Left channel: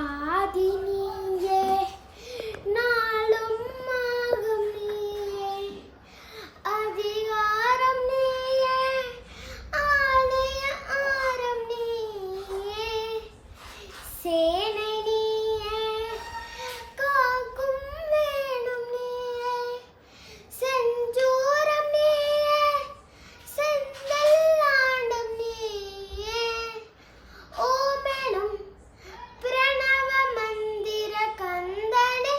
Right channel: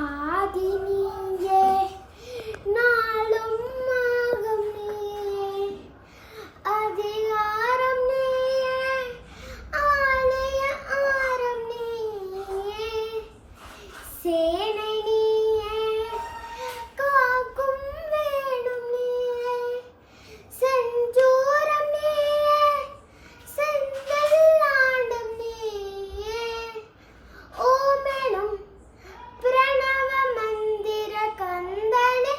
ஆதி நீயே நாளும் ஆகும் நீயே அதிகாரம் நீயே ஆலய ஆரம் நீயே சேனை நீயே காக்கும் வேணும் நீயே செஞ்சூரம் நீயே செந்தல் ஆண்டம் நீயே ஓமெனும் பிரணவ மந்திர கந்தனே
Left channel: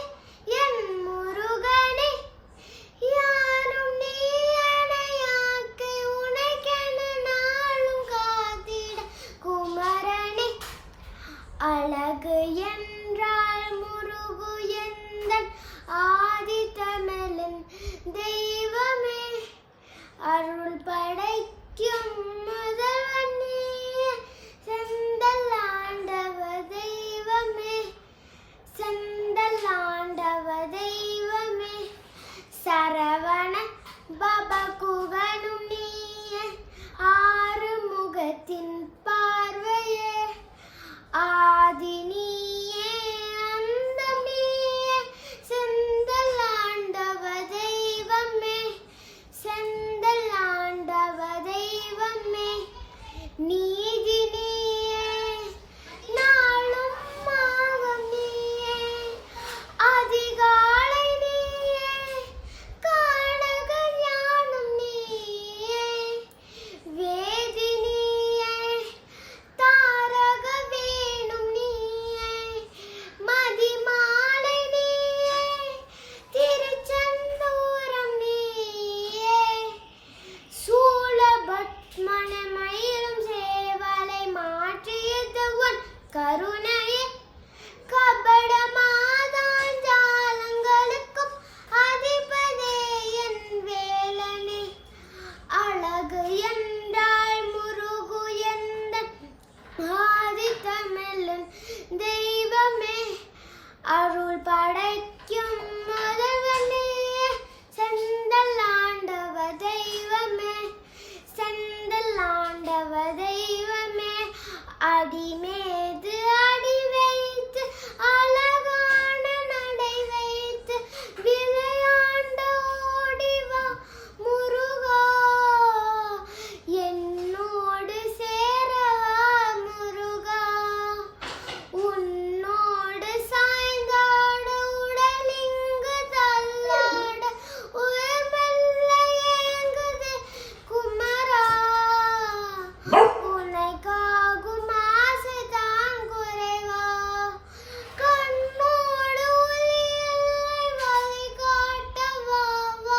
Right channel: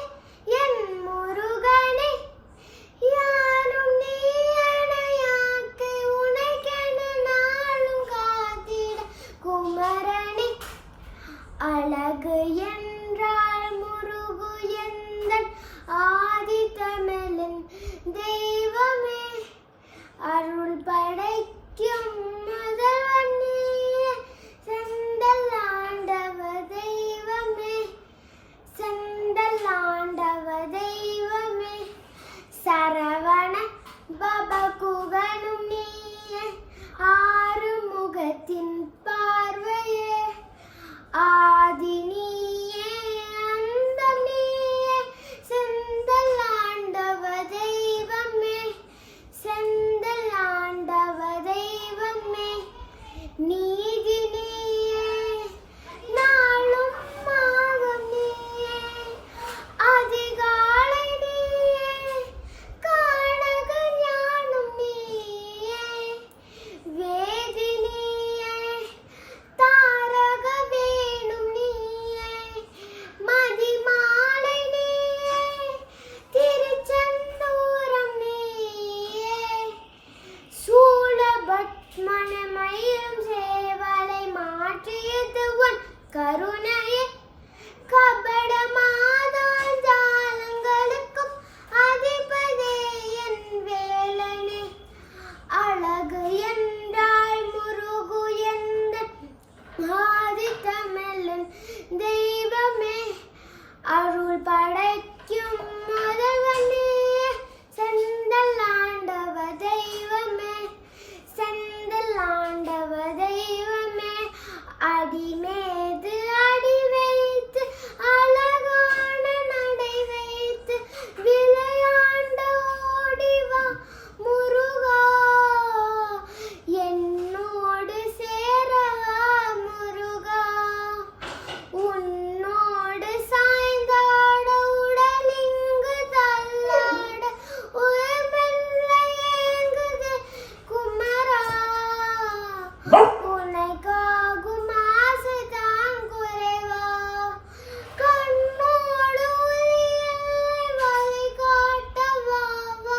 என் முருகனே யாரும் நீ அணையாக்கு உனக்கென நாளும் காத்திட குமரனே அழகு என்றால் முருகு எந்தன் ஆதி தமிழின் தெய்வமே அருள் படைக்கும் முதல்வன் நீயே செந்தல் ஆண்டவ தெய்வமே செந்தல் ஆண்டவ தெய்வமே சரவண பவகுகனும் நீயே ஆறு முகத்தின் பார்வையே ஆதி நீயே அந்தம் நீயே செந்தல் ஆண்டவ தெய்வமே செந்தல் ஆண்டவ தெய்வமே நீதி நீயே நாளும் ஆகும் நீயே அதிகாலை நீயே காணக ஞானம் நீயே வேதி நீயே தாரக வேணும் நீயே மதிமாலை நீயே திருச்செந்தூரம் நீயே சூலபத்மனமயிலும் சேவலை மாற்றியது உன் கருணையே கபட மாதாஞ்சாலங்களுக்கும் அதிபதே என் வேலனே அழகு என்றால் முருகு எந்த ஆதி தமிழன் தெய்வமே அருள் படைக்கும் முதல்வனே செந்தல் ஆண்டவ தெய்வமே செந்தல் ஆண்டவ தெய்வமே அடிமேது அடி வைத்து அழகான நடை வைத்து விளையாண்ட ஓடிவா முருகா என்னோடு சேரவா முருகா உன்னோடு சாய்ந்தாட உடலிங்கு தள்ளாட உயிர் மெல்ல ஏங்குது குமரா உனக்காகும் ஆசைதான் குறைவா கண்ணோடு ஒளியை வழிகாட்டவா வா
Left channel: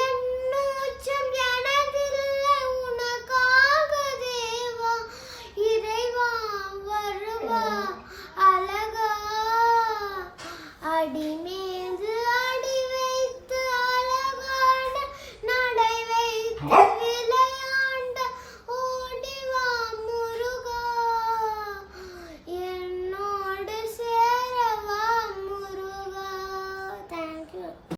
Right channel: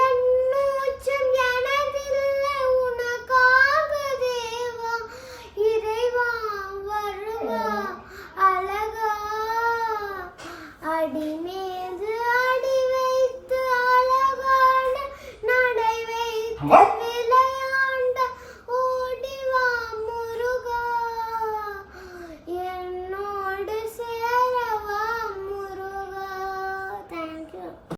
என் மூச்சும் எனதில்லை உனக்காக தேவா இறைவா வருவா அழகா அடிமே